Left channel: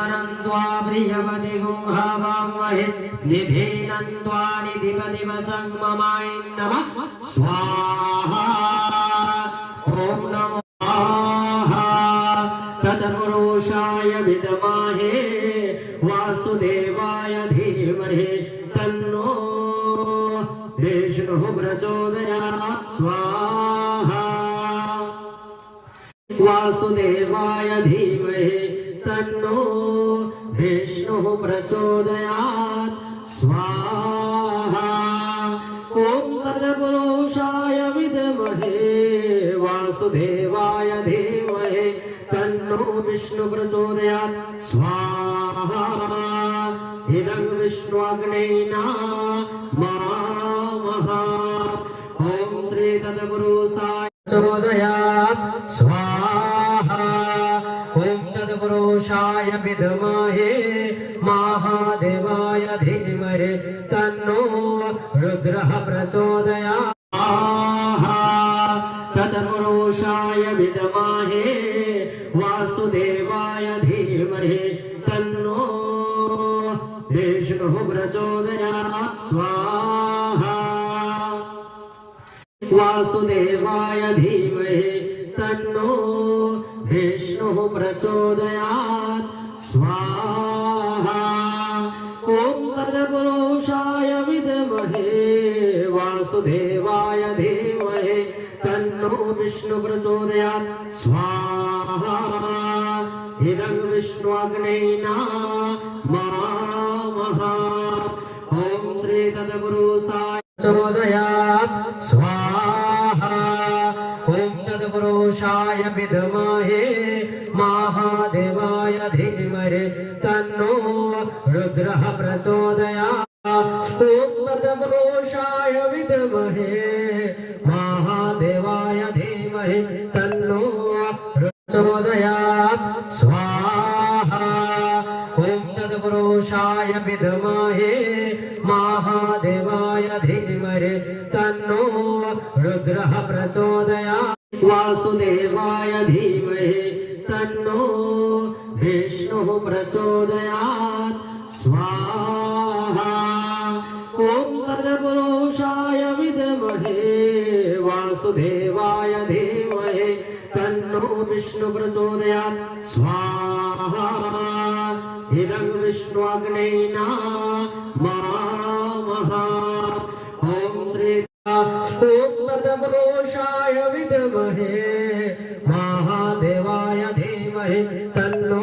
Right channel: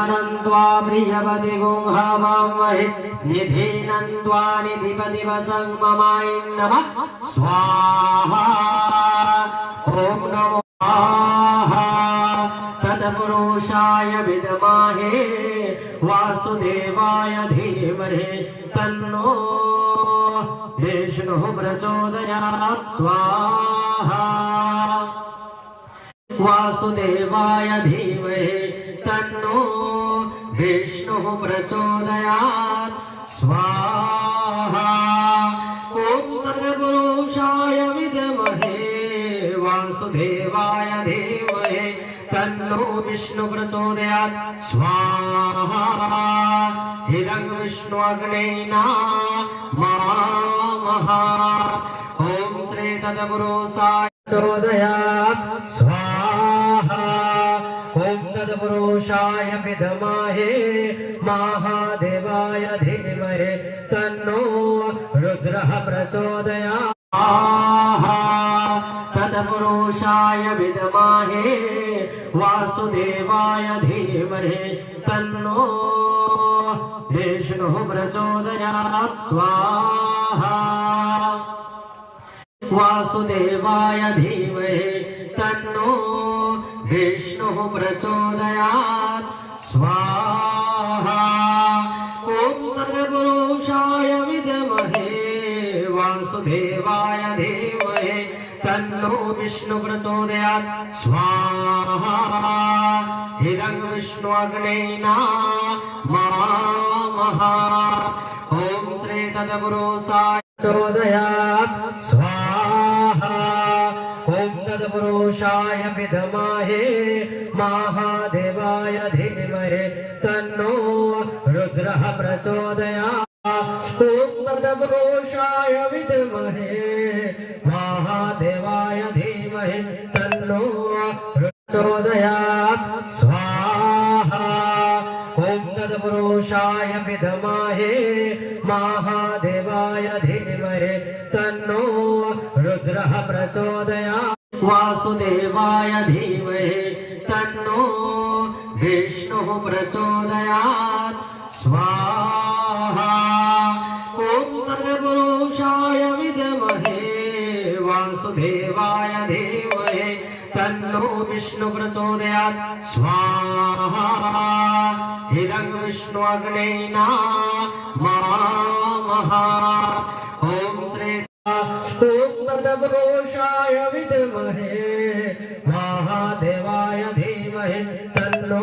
निधानन्त्वा प्रियपति गुंहवामहे निधीनन्त्वा निधिपति वसङ्ममाय नमः स्वाहा ॐ नमो तत्पुरुषाय विद्महे वासुदेवाय धीमहि तन्नो विष्णुः प्रचोदयात् स्वाहा वासुदेवाय धीमहि तन्नो विष्णुः प्रचोदयात् स्वाहा ॐ तत्पुरुषाय विद्महे वासुदेवाय धीमहि तन्नो विष्णु प्रचोदयात् स्वाहा इदं विष्णु अग्नेना महामः ॐ श्री तत्पुरुषाय प्रचोदयात् स्वाहा ॐ तत्पुरुषाय विद्महे महादेवाय धीमहि तन्नो रुद्रः प्रचोदयात् तत्पुरुषाय विद्महे वासुदेवाय धीमहि तन्नो विष्णुः प्रचोदयात् स्वाहा वासुदेवाय धीमहि तन्नो विष्णुः प्रचोदयात् स्वाहा ॐ तत्पुरुषाय विद्महे वासुदेवाय धीमहि तन्नो विष्णु प्रचोदयात् स्वाहा इदं विष्णु अग्नेना महामः ॐ श्री तत्पुरुषाय प्रचोदयात् स्वाहा ॐ तत्पुरुषाय विद्महे महादेवाय धीमहि तन्नो रुद्रः प्रचोदयात् ॐ तत्पुरुषाय विद्महे महादेवाय धीमहि तन्नो प्रचोदयात् स्वाहा ॐ तत्पुरुषाय विद्महे महादेवाय धीमहि तन्नो रुद्रः प्रचोदयात् वासुदेवाय धीमहि तन्नो विष्णुः प्रचोदयात् स्वाहा ॐ तत्पुरुषाय विद्महे वासुदेवाय धीमहि तन्नो विष्णु प्रचोदयात् स्वाहा इदं विष्णु अग्नेना महामः ॐ श्री तत्पुरुषाय विद्महे महादेवाय धीमहि तन्नो